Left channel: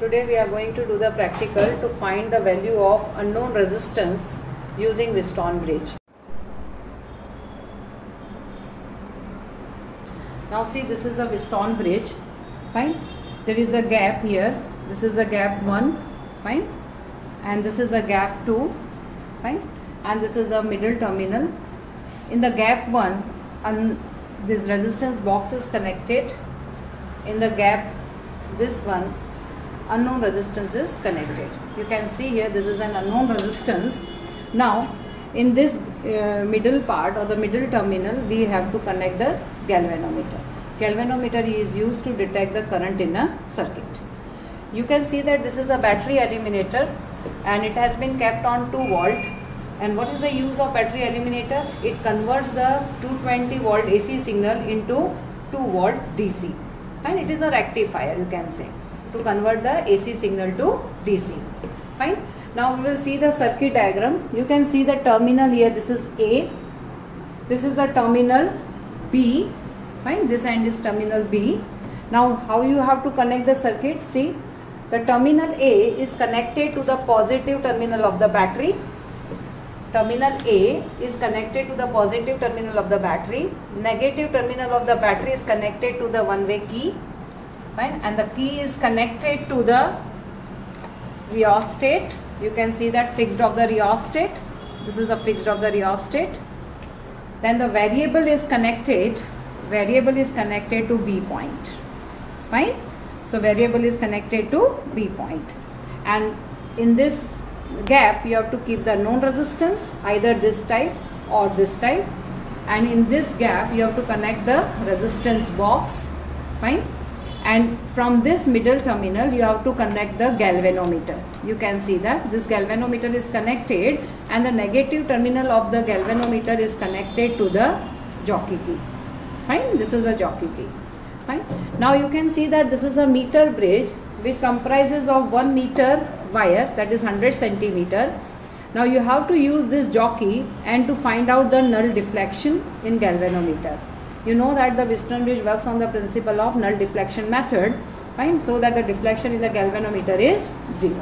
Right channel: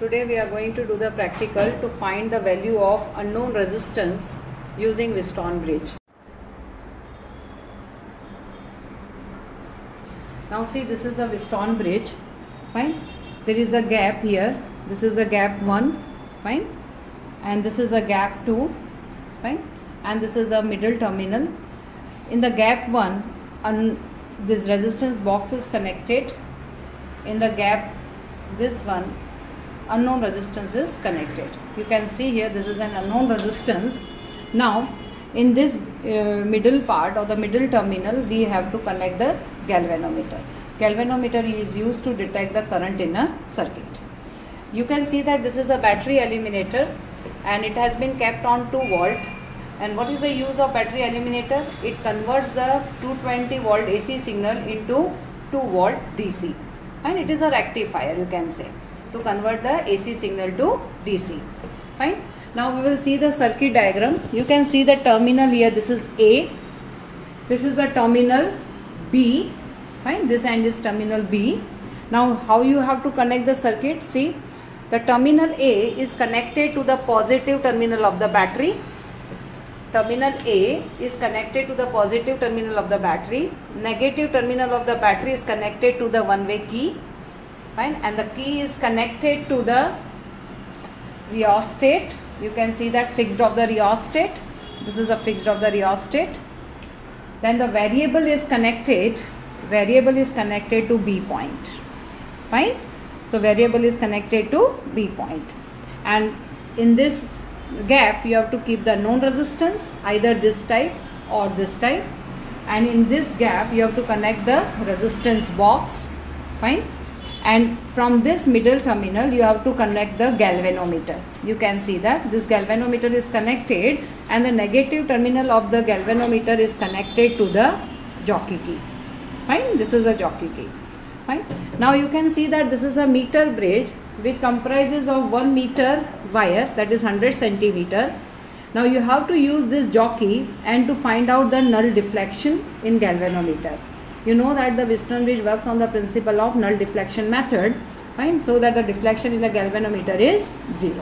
Today we are going to do the practical to find the value of unknown resistance using Wheatstone bridge. Now see, this is a Wheatstone bridge. Fine. There is a gap here. This is a gap 1. Fine. And this is a gap 2. Fine. And this is a middle terminal. In the gap 1, this resistance box is connected. In the gap this one, unknown resistance is connected. You can see here this is an unknown resistance. Now in this middle part or the middle terminal, we have to connect the galvanometer. Galvanometer is used to detect the current in a circuit. You can see that this is a battery eliminator and it has been kept on 2 volt. And what is the use of battery eliminator? It converts the 220 volt AC signal into 2 volt DC. And it is a rectifier, you can say, to convert the AC signal to DC. Fine. Now we will see the circuit diagram. You can see the terminal here. This is A. This is the terminal B. Fine. This end is terminal B. Now how you have to connect the circuit? See, the terminal A is connected to the positive terminal of the battery. Terminal A is connected to the positive terminal of the battery. Negative terminal of the battery is connected to the one-way key. Fine. And the key is connected to the rheostat. You can see that fixed of the rheostat. This is a fixed of the rheostat. Then the variable is connected. Variable is connected to B point. Fine. So variable is connected to B point. And in this gap you have to keep the known resistance, either this type or this type. And in this gap you have to connect the resistance box. Fine. And from this middle terminal you have to connect the galvanometer. You can see that this galvanometer is connected and the negative terminal of the galvanometer is connected to the jockey key. Fine. This is a jockey key. Fine. Now you can see that this is a meter bridge which comprises of 1 meter wire, that is 100 centimeter. Now you have to use this jockey and to find out the null deflection in galvanometer. You know that the Wheatstone bridge works on the principle of null deflection method. Fine. So that the deflection in the galvanometer is 0.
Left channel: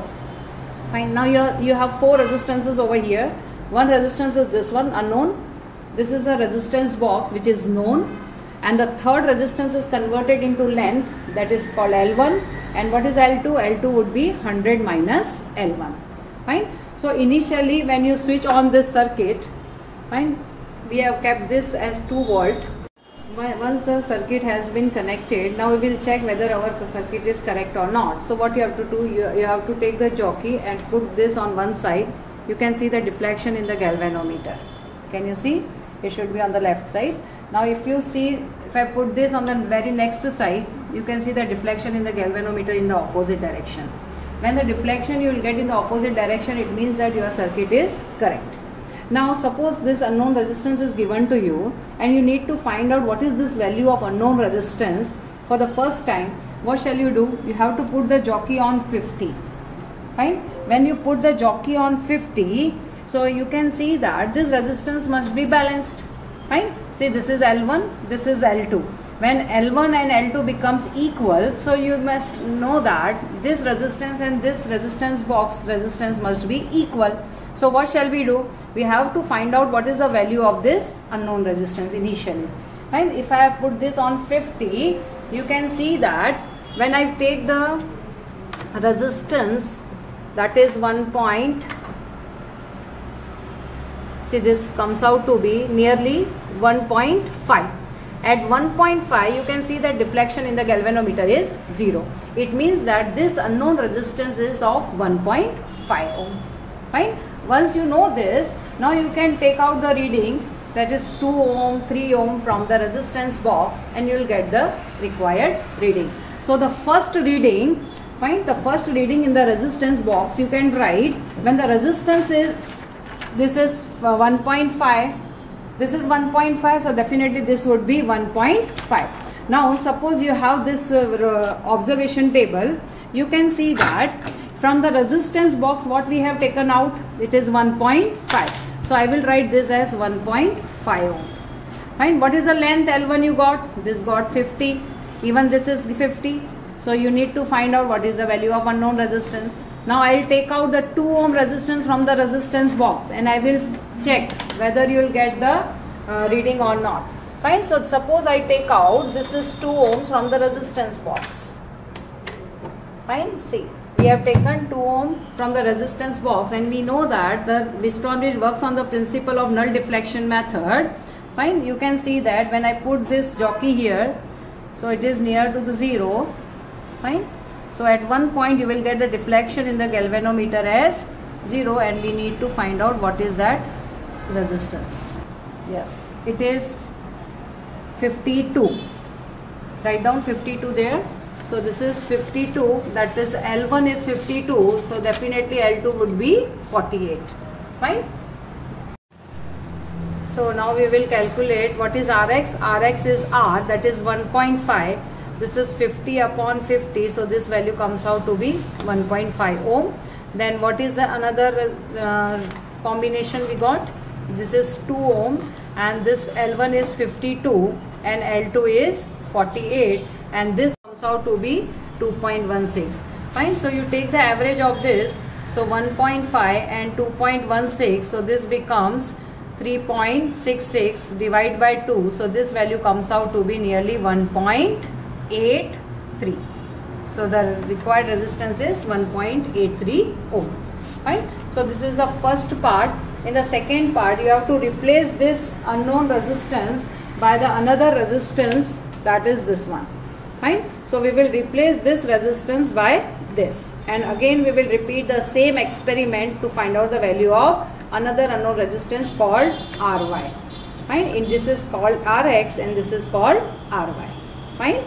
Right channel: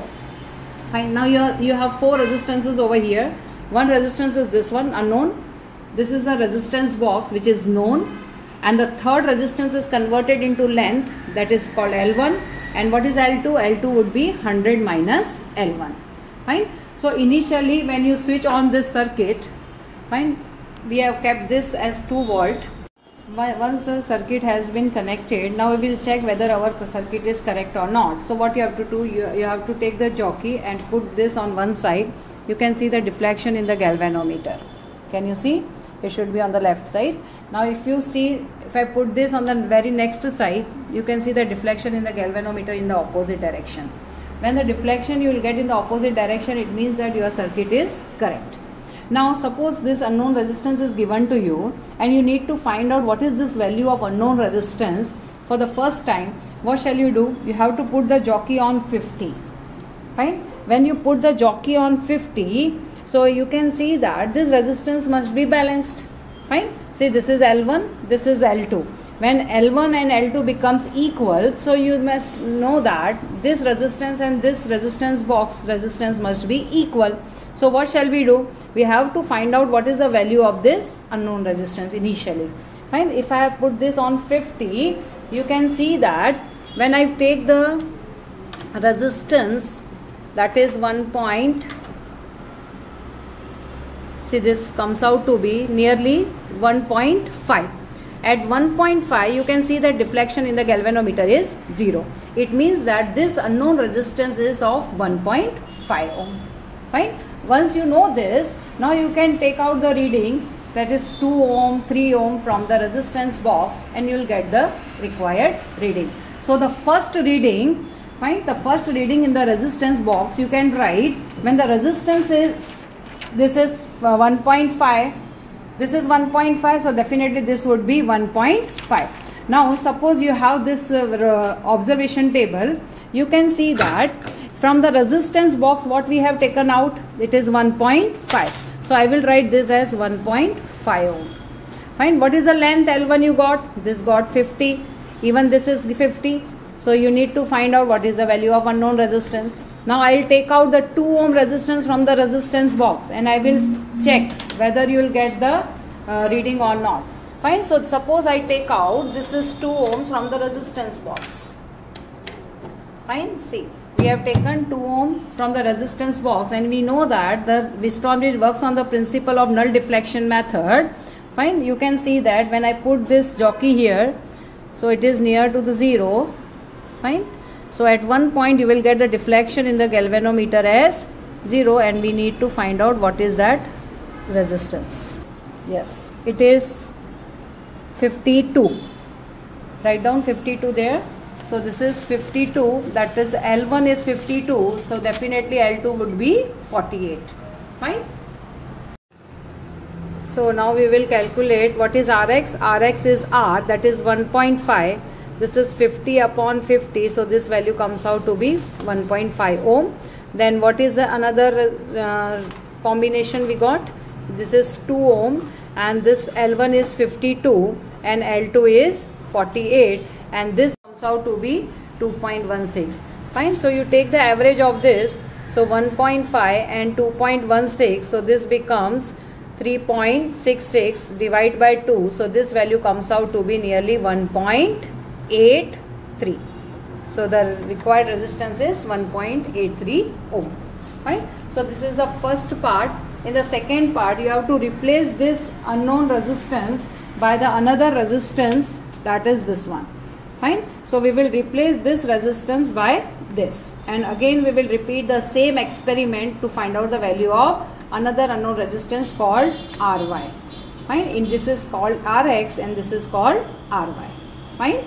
Fine. Now you have 4 resistances over here. One resistance is this one, unknown. This is the resistance box which is known. And the third resistance is converted into length, that is called L1. And what is L2? L2 would be 100 minus L1. Fine. So initially when you switch on this circuit, fine, we have kept this as 2 volt. Once the circuit has been connected, now we will check whether our circuit is correct or not. So what you have to do, you have to take the jockey and put this on one side. You can see the deflection in the galvanometer. Can you see? It should be on the left side. Now if you see, if I put this on the very next side, you can see the deflection in the galvanometer in the opposite direction. When the deflection you will get in the opposite direction, it means that your circuit is correct. Now suppose this unknown resistance is given to you and you need to find out what is this value of unknown resistance for the first time. What shall you do? You have to put the jockey on 50. Fine. When you put the jockey on 50, so you can see that this resistance must be balanced. Fine. See, this is L1, this is L2. When L1 and L2 becomes equal, so you must know that this resistance and this resistance box resistance must be equal. So what shall we do? We have to find out what is the value of this unknown resistance initially. Fine. If I have put this on 50, you can see that when I take the resistance, that is 1 point, see, this comes out to be nearly 1.5. At 1.5 you can see that deflection in the galvanometer is 0. It means that this unknown resistance is of 1.5 ohm. Fine. Once you know this, now you can take out the readings, that is 2 ohm, 3 ohm from the resistance box, and you will get the required reading. So the first reading, fine, the first reading in the resistance box you can write when the resistance is, this is 1.5, this is 1.5, so definitely this would be 1.5. Now suppose you have this observation table, you can see that from the resistance box what we have taken out, it is 1.5. So I will write this as 1.5 ohm. Fine. What is the length L1 you got? This got 50. Even this is 50. So you need to find out what is the value of unknown resistance. Now I will take out the 2 ohm resistance from the resistance box and I will check whether you will get the reading or not. Fine. So suppose I take out, this is 2 ohms from the resistance box. Fine. See, we have taken 2 ohm from the resistance box and we know that the Wheatstone bridge works on the principle of null deflection method. Fine. You can see that when I put this jockey here, so it is near to the 0. Fine. So at one point you will get the deflection in the galvanometer as 0 and we need to find out what is that resistance. Yes, it is 52. Write down 52 there. So this is 52, that is L1 is 52, so definitely L2 would be 48. Fine. So now we will calculate what is Rx. Rx is R, that is 1.5. This is 50 upon 50, so this value comes out to be 1.5 ohm. Then what is the another combination we got? This is 2 ohm and this L1 is 52 and L2 is 48 and this comes out to be 2.16. Fine. So you take the average of this. So 1.5 and 2.16. So this becomes 3.66 divided by 2. So this value comes out to be nearly 1.83. So the required resistance is 1.83 ohm. Fine. So this is the first part. In the second part, you have to replace this unknown resistance by the another resistance, that is this one. Fine. So we will replace this resistance by this, and again we will repeat the same experiment to find out the value of another unknown resistance called Ry. Fine. And this is called Rx and this is called Ry. Fine.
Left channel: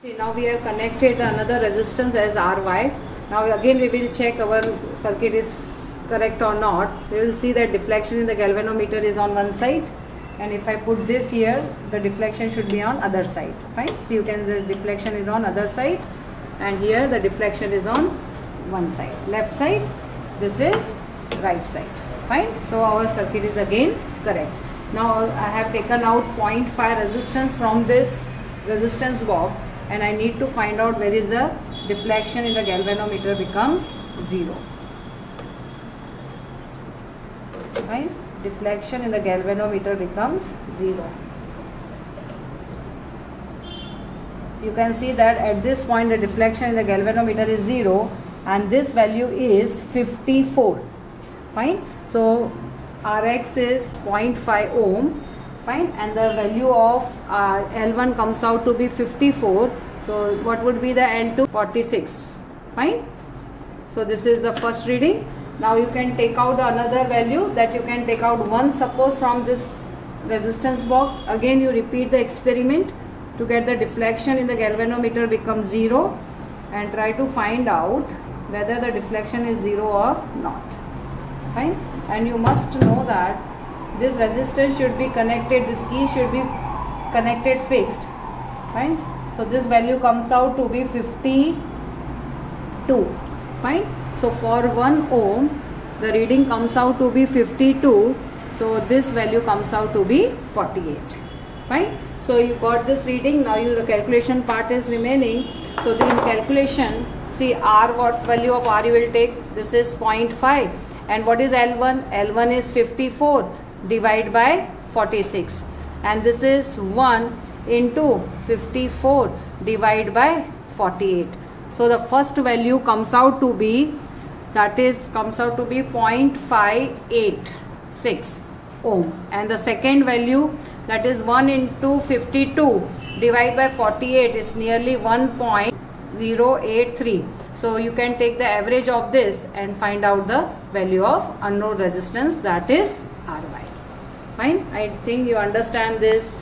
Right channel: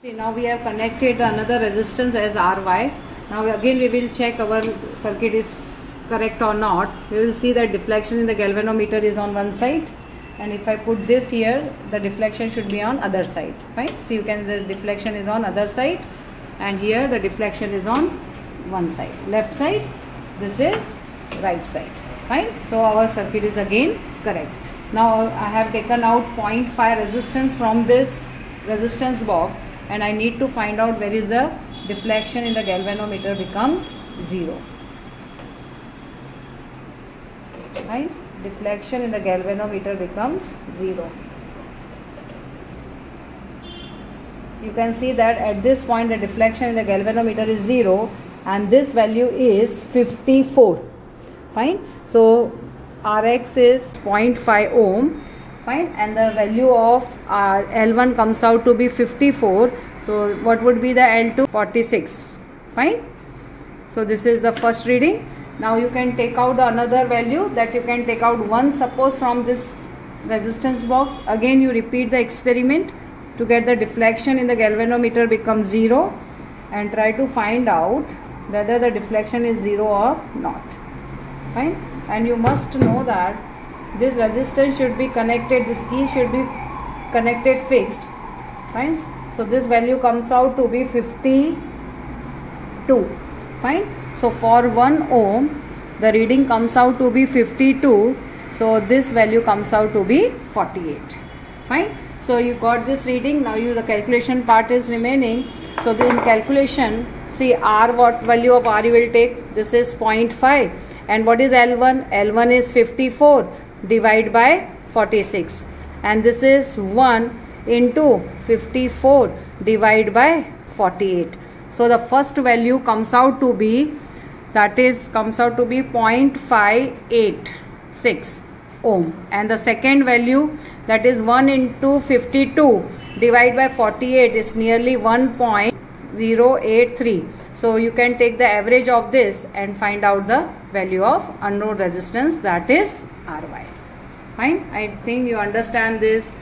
See, now we have connected another resistance as Ry. Now again we will check our circuit is correct or not. We will see that deflection in the galvanometer is on one side, and if I put this here, the deflection should be on other side. Fine. So you can say deflection is on other side, and here the deflection is on one side, left side. This is right side. Fine. So our circuit is again correct. Now I have taken out 0.5 resistance from this resistance box and I need to find out where is the deflection in the galvanometer becomes 0. Right? Deflection in the galvanometer becomes 0. You can see that at this point the deflection in the galvanometer is 0 and this value is 54. Fine. So Rx is 0.5 ohm. Fine. And the value of L1 comes out to be 54. So what would be the L2? 46. Fine. So this is the first reading. Now you can take out the another value, that you can take out 1 suppose from this resistance box. Again you repeat the experiment to get the deflection in the galvanometer becomes 0 and try to find out whether the deflection is 0 or not. Fine. And you must know that this resistance should be connected, this key should be connected fixed. Fine. So this value comes out to be 52. Fine. So for 1 ohm the reading comes out to be 52. So this value comes out to be 48. Fine. So you got this reading. Now the calculation part is remaining. So in calculation, see R, what value of R you will take? This is 0.5. And what is L1? L1 is 54 divided by 46. And this is 1 into 54 divided by 48. So the first value comes out to be, that is comes out to be 0.586 ohm, and the second value, that is 1 into 52 divided by 48, is nearly 1.083. So you can take the average of this and find out the value of unknown resistance, that is Ry. Fine. I think you understand this.